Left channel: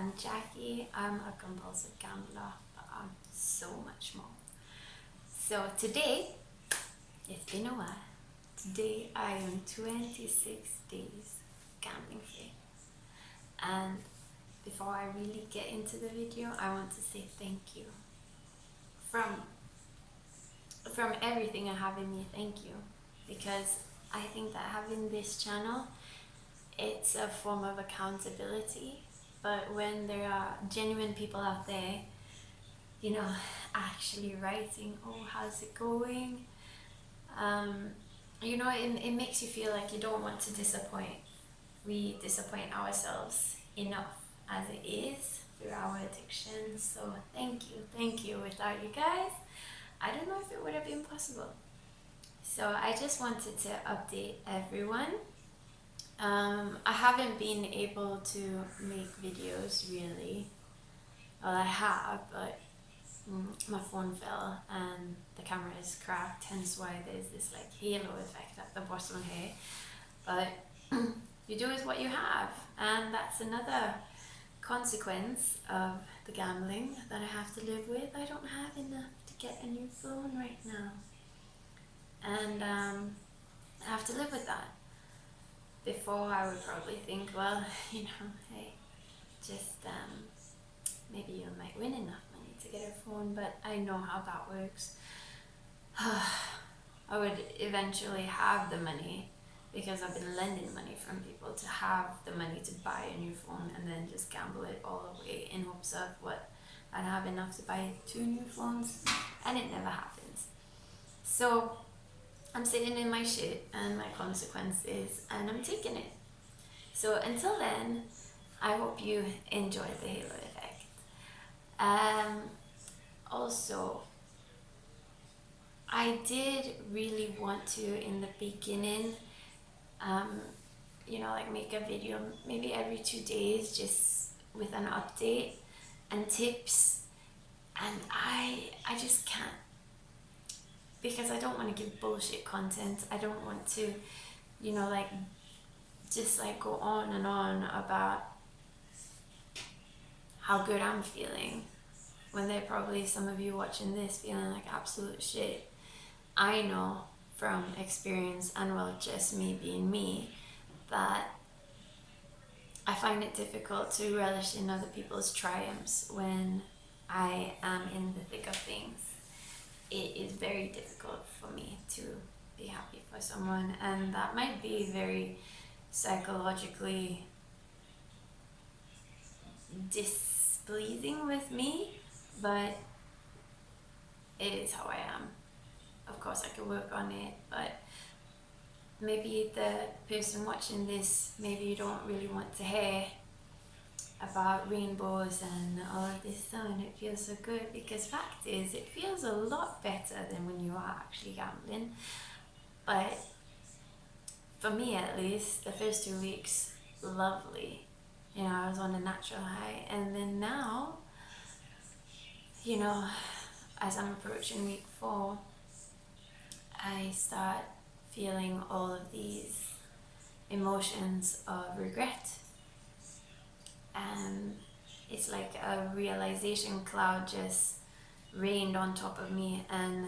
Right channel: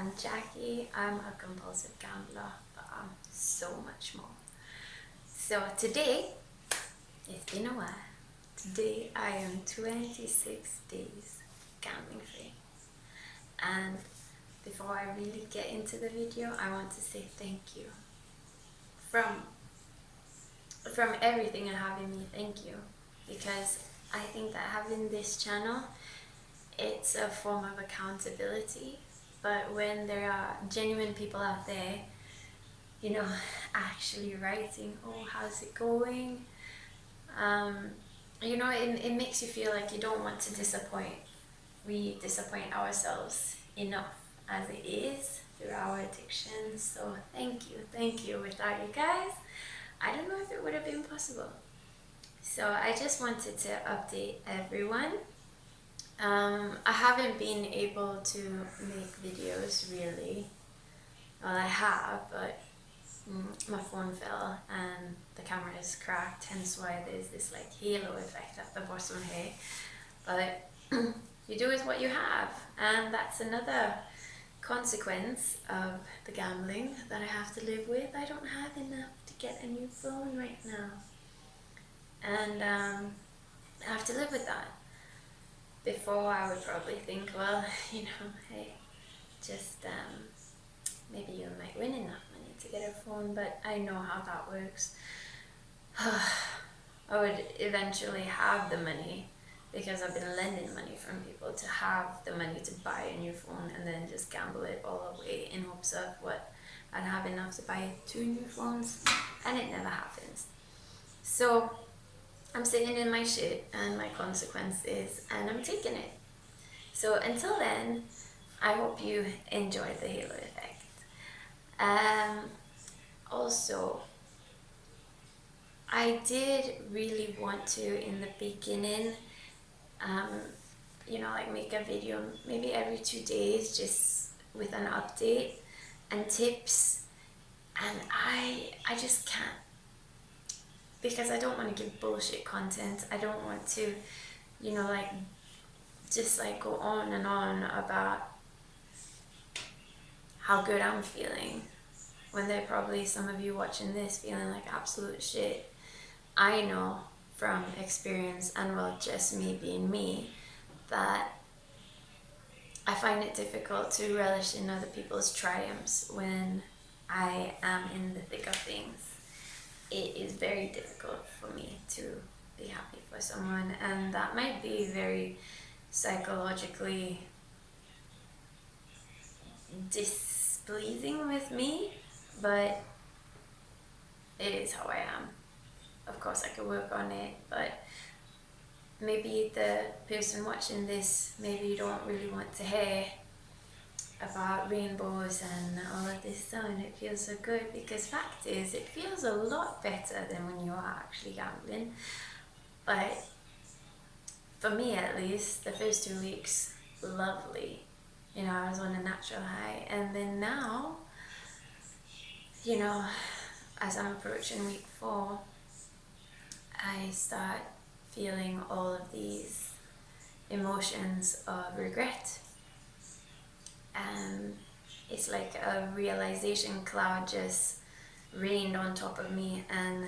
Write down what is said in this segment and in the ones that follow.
I'm Jackie. I'm a compulsive gambler, but I'm so much more. So today, it's been a while. Today I am 26 days gambling free. And before I really get into the video, I want to say thank you. From everything I have in me, thank you. Because I think that having this channel, it's a form of accountability. But when there are genuine people out there, actually writing, oh, how's it going? It makes you feel like you don't want to disappoint. We disappoint ourselves enough as it is through our addictions. So thank you. Without you guys, I don't know if it would have been possible. So I just wanted to update everyone. I haven't been able to make videos really. Well, I have, but my phone fell and the camera is cracked, hence why there's this like halo effect at the bottom here. But you do with what you have, and that's another consequence of the gambling that I have to live with. I don't have enough to get a new phone right now, and I have to live with that. Before I would probably think, well, hey, just maybe you might win enough money to get a phone, but I know how that works. I would eventually have the money because I've been lending money from people to have the money to buy a new phone and then just gamble it all away in hopes of what I'd have enough to buy 2 new phones, and it never happens. So I'm sitting in my shit and my consequences, and I'm taking it. So until then, I hope you enjoy the halo effect. Also, I did really want to in the beginning, make a video maybe every 2 days just with an update and tips, and I just can't, because I don't want to give bullshit content. I don't want to, just go on and on about how good I'm feeling when there are probably some of you watching this feeling like absolute shit. I know from experience, and well, just me being me, that I find it difficult to relish in other people's triumphs when I am in the thick of things. It is very difficult for me to be happy for someone, and that might be very psychologically displeasing with me, but it is how I am. Of course I could work on it, but maybe the person watching this, maybe you don't really want to hear about rainbows and all of this sun. It feels so good, because fact is, it feels a lot better than when you are actually gambling. But for me at least, the first 2 weeks, lovely. I was on a natural high, and then now, as I'm approaching week 4, I start feeling all of these emotions of regret, and it's like a realization cloud just rained on top of me, and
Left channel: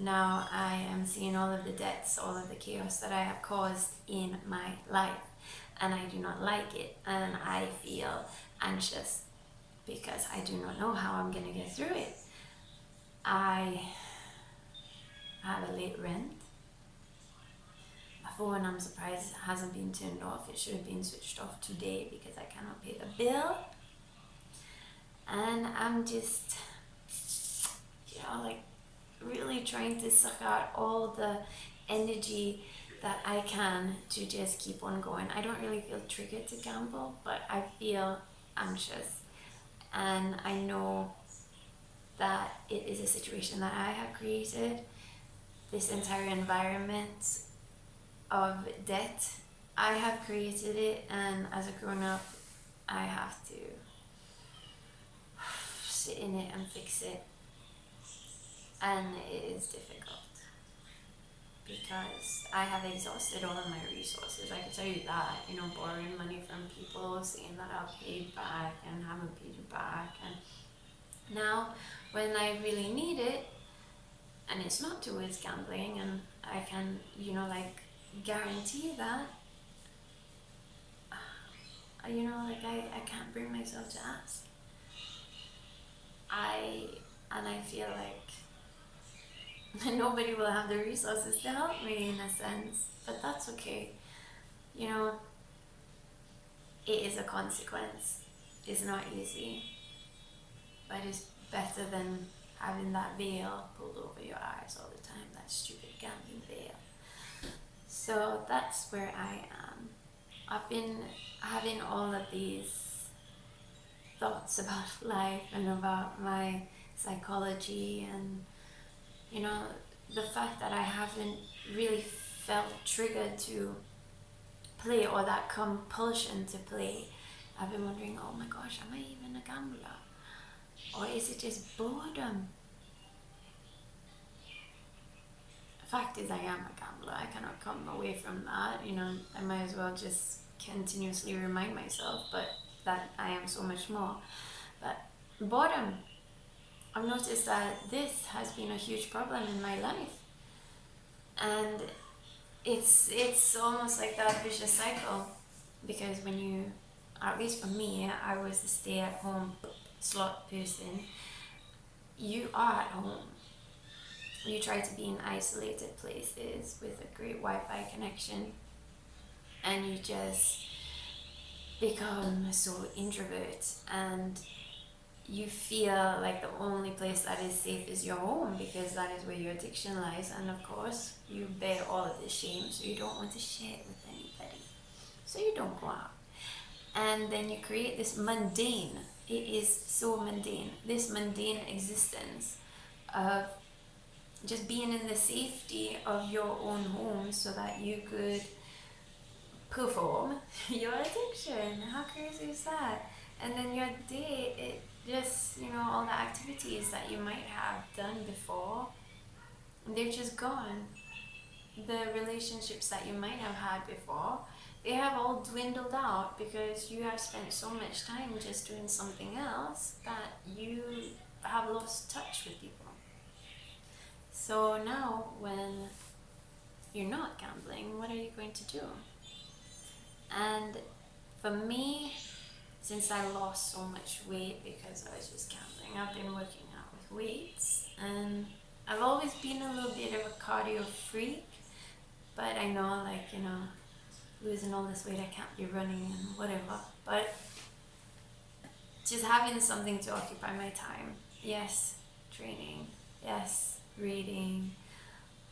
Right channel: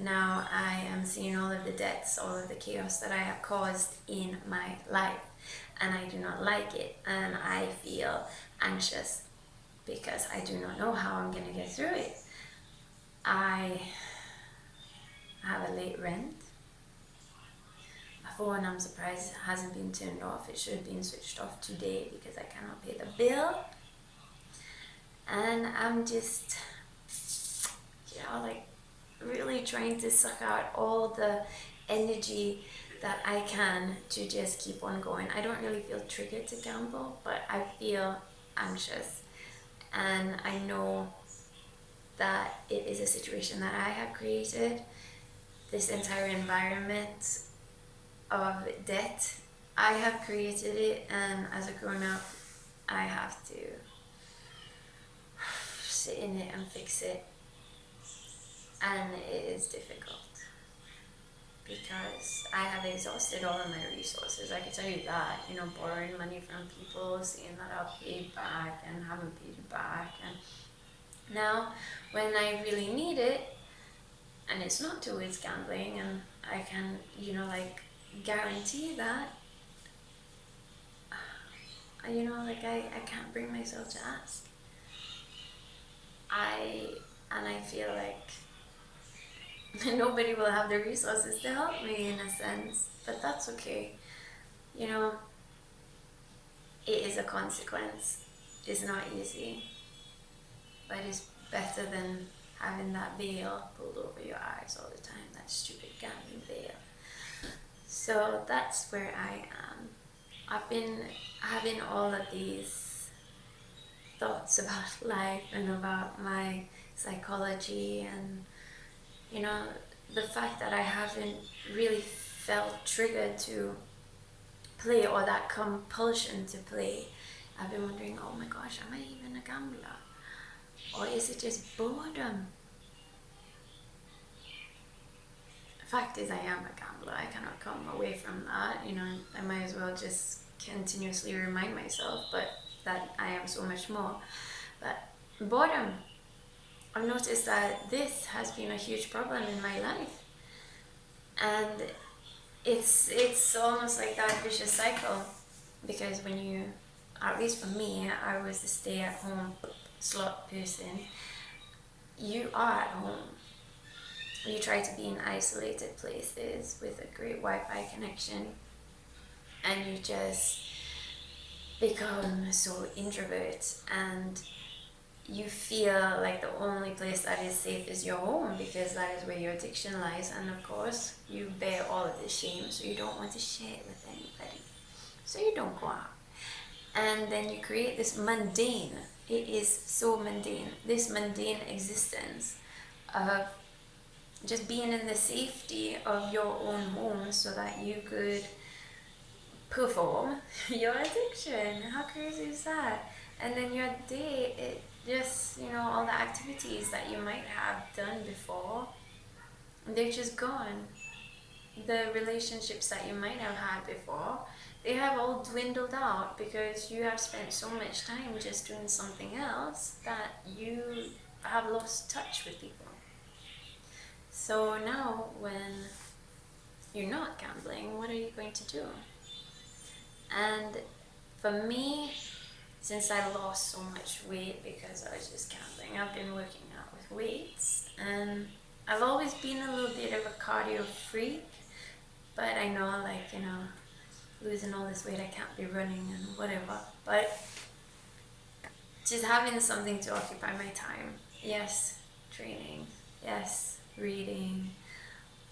now I am seeing all of the debts, all of the chaos that I have caused in my life, and I do not like it, and I feel anxious because I do not know how I'm gonna get through it. I have a late rent. My phone, I'm surprised, hasn't been turned off. It should have been switched off today because I cannot pay the bill. And I'm just, really trying to suck out all the energy that I can to just keep on going. I don't really feel triggered to gamble, but I feel anxious. And I know that it is a situation that I have created. This entire environment of debt, I have created it, and as a grown-up, I have to sit in it and fix it, and it is difficult. because I have exhausted all of my resources. I can tell you that, you know, borrowing money from people, saying that I'll pay back and haven't paid it back. And now when I really need it, and it's not towards gambling, and I can, you know, like guarantee that, you know, like I can't bring myself to ask. And I feel like nobody will have the resources to help me in a sense, but that's okay. You know, it is a consequence. It's not easy, but it's better than having that veil pulled over your eyes all the time, that stupid gambling veil. So that's where I am. I've been having all of these thoughts about life and about my psychology, and you know, the fact that I haven't really felt triggered to play, or that compulsion to play. I've been wondering, oh my gosh, am I even a gambler? Or is it just boredom? The fact is, I am a gambler. I cannot come away from that. You know, I might as well just continuously remind myself, but that I am so much more. But boredom, I've noticed that this has been a huge problem in my life, and it's almost like that vicious cycle, because when you, at least for me, I was the stay-at-home slot person. You are at home. You try to be in isolated places with a great Wi-Fi connection, and you just become so introvert, and you feel like the only place that is safe is your home, because that is where your addiction lies. And of course, you bear all of the shame, so you don't want to share it with anybody. So you don't go out. And then you create this mundane, it is so mundane, this mundane existence of just being in the safety of your own home so that you could perform your addiction. How crazy is that? And then your day, it just, you know, all the activities that you might have done before, they're just gone. The relationships that you might have had before, they have all dwindled out, because you have spent so much time just doing something else that you have lost touch with people. So now when you're not gambling, what are you going to do? And for me, since I lost so much weight because I was just gambling, I've been working out with weights, and I've always been a little bit of a cardio freak, but I know, like, you know, losing all this weight, I can't be running and whatever, but just having something to occupy my time. Yes, training. Yes, reading.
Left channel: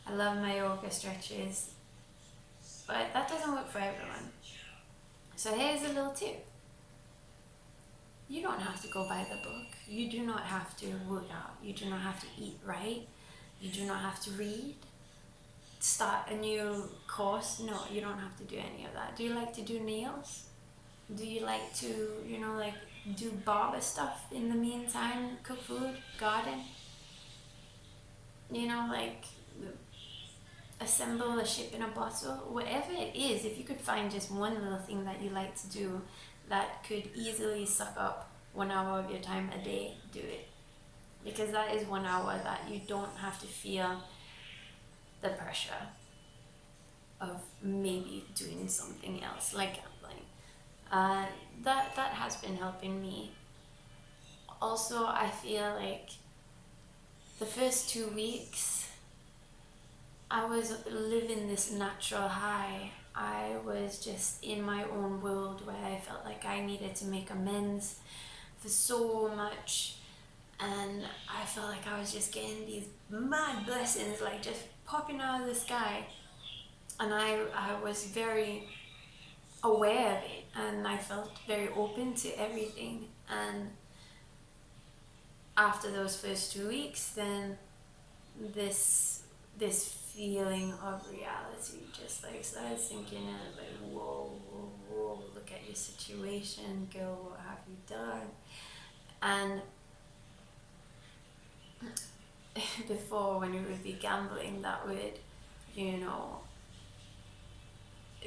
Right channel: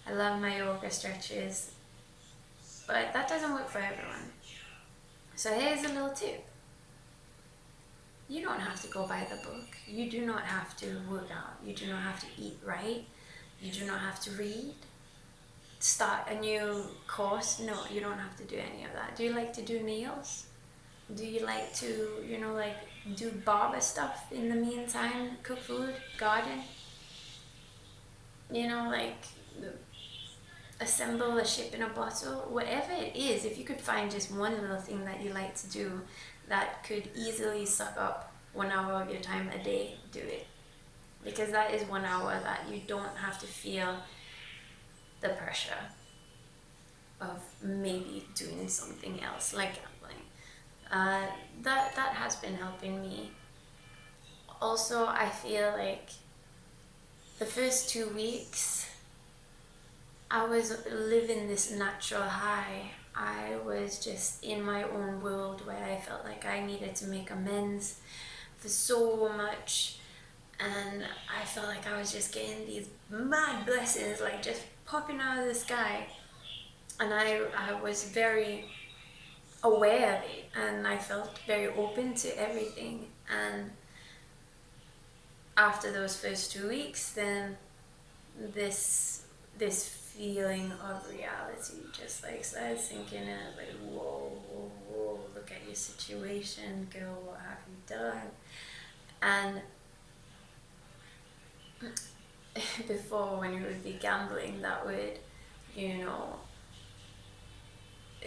I love my yoga stretches, but that doesn't work for everyone. So here's a little tip. You don't have to go by the book. You do not have to work out. You do not have to eat right. You do not have to read. Start a new course. No, you don't have to do any of that. Do you like to do nails? Do you like to, you know, like do barber stuff in the meantime? Cook food, garden? You know, like assemble a ship in a bottle? Whatever it is, if you could find just one little thing that you like to do that could easily suck up 1 hour of your time a day, do it. Because that is 1 hour that you don't have to feel the pressure of maybe doing something else like gambling. That has been helping me. Also, I feel like the first 2 weeks I was living this natural high. I was just in my own world where I felt like I needed to make amends for so much, and I felt like I was just getting these mad blessings, like just popping out of the sky, and I was very aware of it, and I felt very open to everything. And after those first 2 weeks, then this feeling of reality just like started sinking in. Like, whoa, whoa, whoa, look at your situation, girl, what have you done? And before, when you would be gambling, that would you know,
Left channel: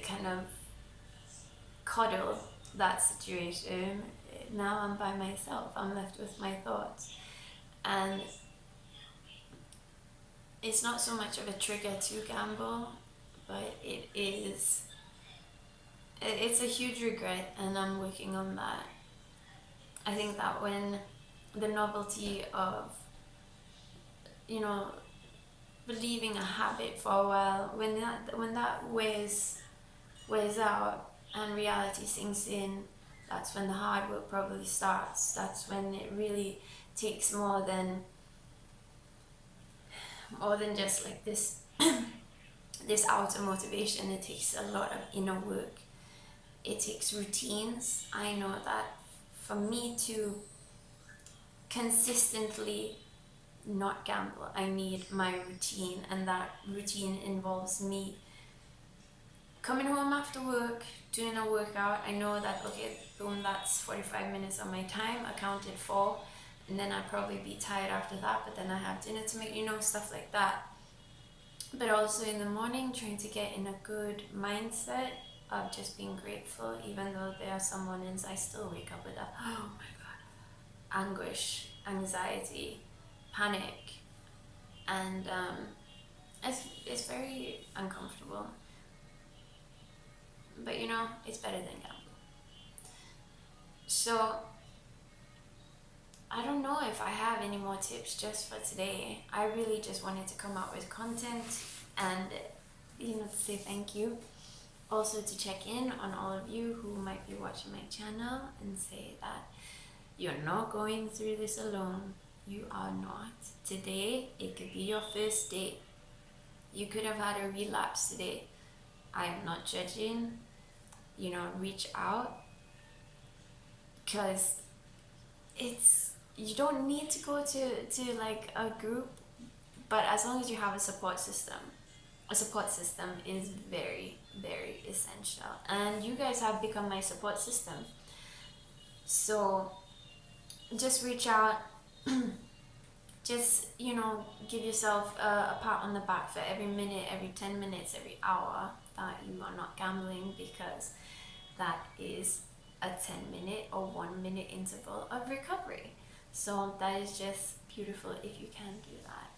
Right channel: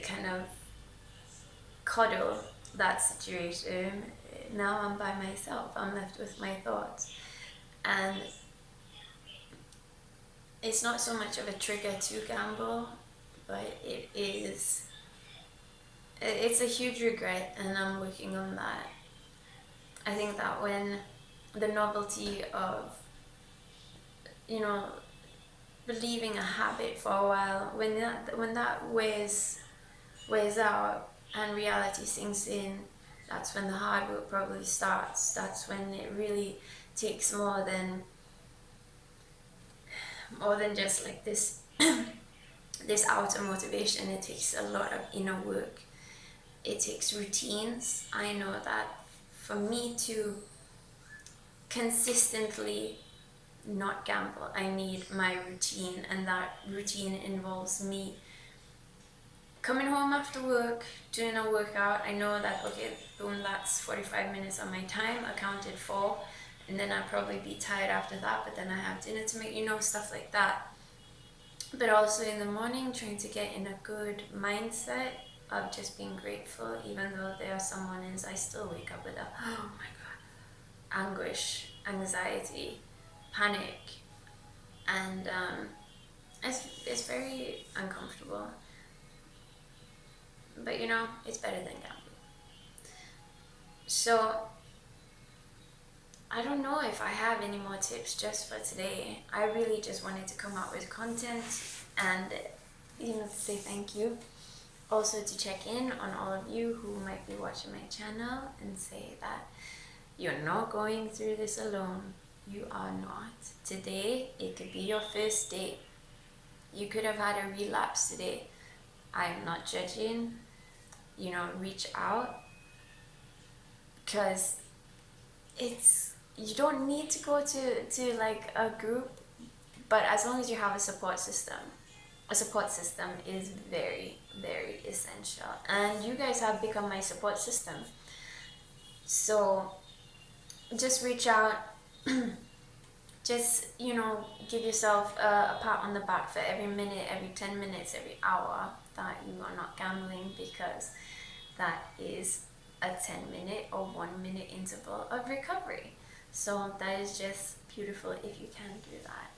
kind of coddle that situation. Now I'm by myself, I'm left with my thoughts. And it's not so much of a trigger to gamble, but it's a huge regret, and I'm working on that. I think that when the novelty of, you know, believing a habit for a while, when that wears out and reality sinks in, that's when the hard work probably starts. That's when it really takes more than just like this this outer motivation. It takes a lot of inner work. It takes routines. I know that for me to consistently not gamble, I need my routine, and that routine involves me coming home after work, doing a workout. I know that, okay, boom, that's 45 minutes of my time accounted for, and then I'd probably be tired after that, but then I have dinner to make, you know, stuff like that. But also in the morning, trying to get in a good mindset of just being grateful, even though there are some mornings I still wake up with a, oh my God, anguish, anxiety, panic, and it's very uncomfortable. But you know, it's better than gambling. So I don't know if I have any more tips just for today. I really just wanted to come out with content and, you know, to say thank you. Also to check in on all of you who might be watching my channel and say that you're not going through this alone. You are not. Today, it could be your first day. You could have had a relapse today. I am not judging. You know, reach out, because you don't need to go to like a group, but as long as you have a support system is very, very essential. And you guys have become my support system. So just reach out. Just, you know, give yourself a pat on the back for every minute, every 10 minutes, every hour that you are not gambling, because that is a 10-minute or 1-minute interval of recovery. So that is just beautiful if you can do that.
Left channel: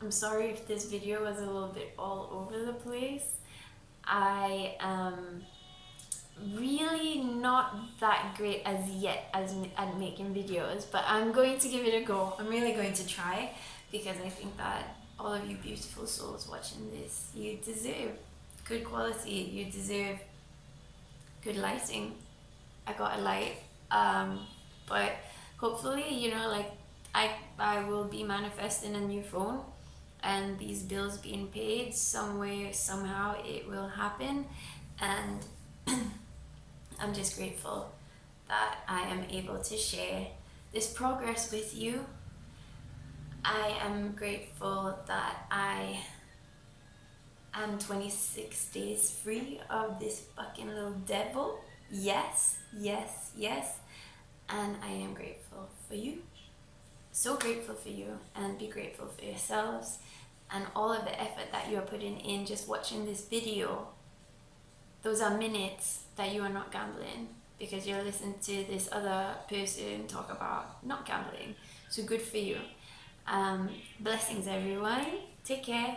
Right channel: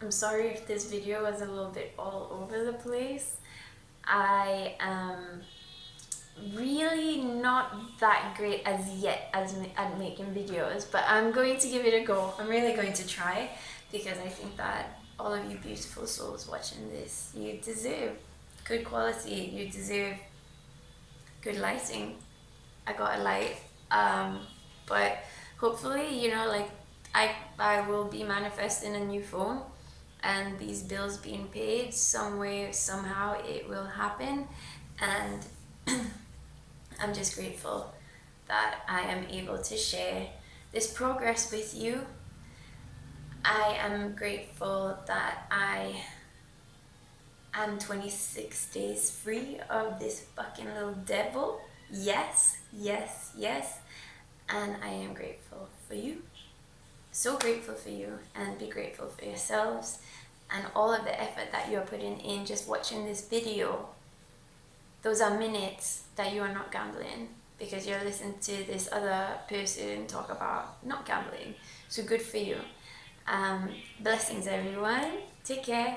I'm sorry if this video was a little bit all over the place. I am really not that great as yet at making videos, but I'm going to give it a go. I'm really going to try, because I think that all of you beautiful souls watching this, you deserve good quality, you deserve good lighting. I got a light, but hopefully, you know, like I will be manifesting a new phone, and these bills being paid some way, somehow it will happen. And I'm just grateful that I am able to share this progress with you. I am grateful that I am 26 days free of this fucking little devil. Yes, yes, yes. And I am grateful for you. So grateful for you, and be grateful for yourselves and all of the effort that you are putting in just watching this video. Those are minutes that you are not gambling, because you're listening to this other person talk about not gambling. So good for you. Blessings, everyone. Take care.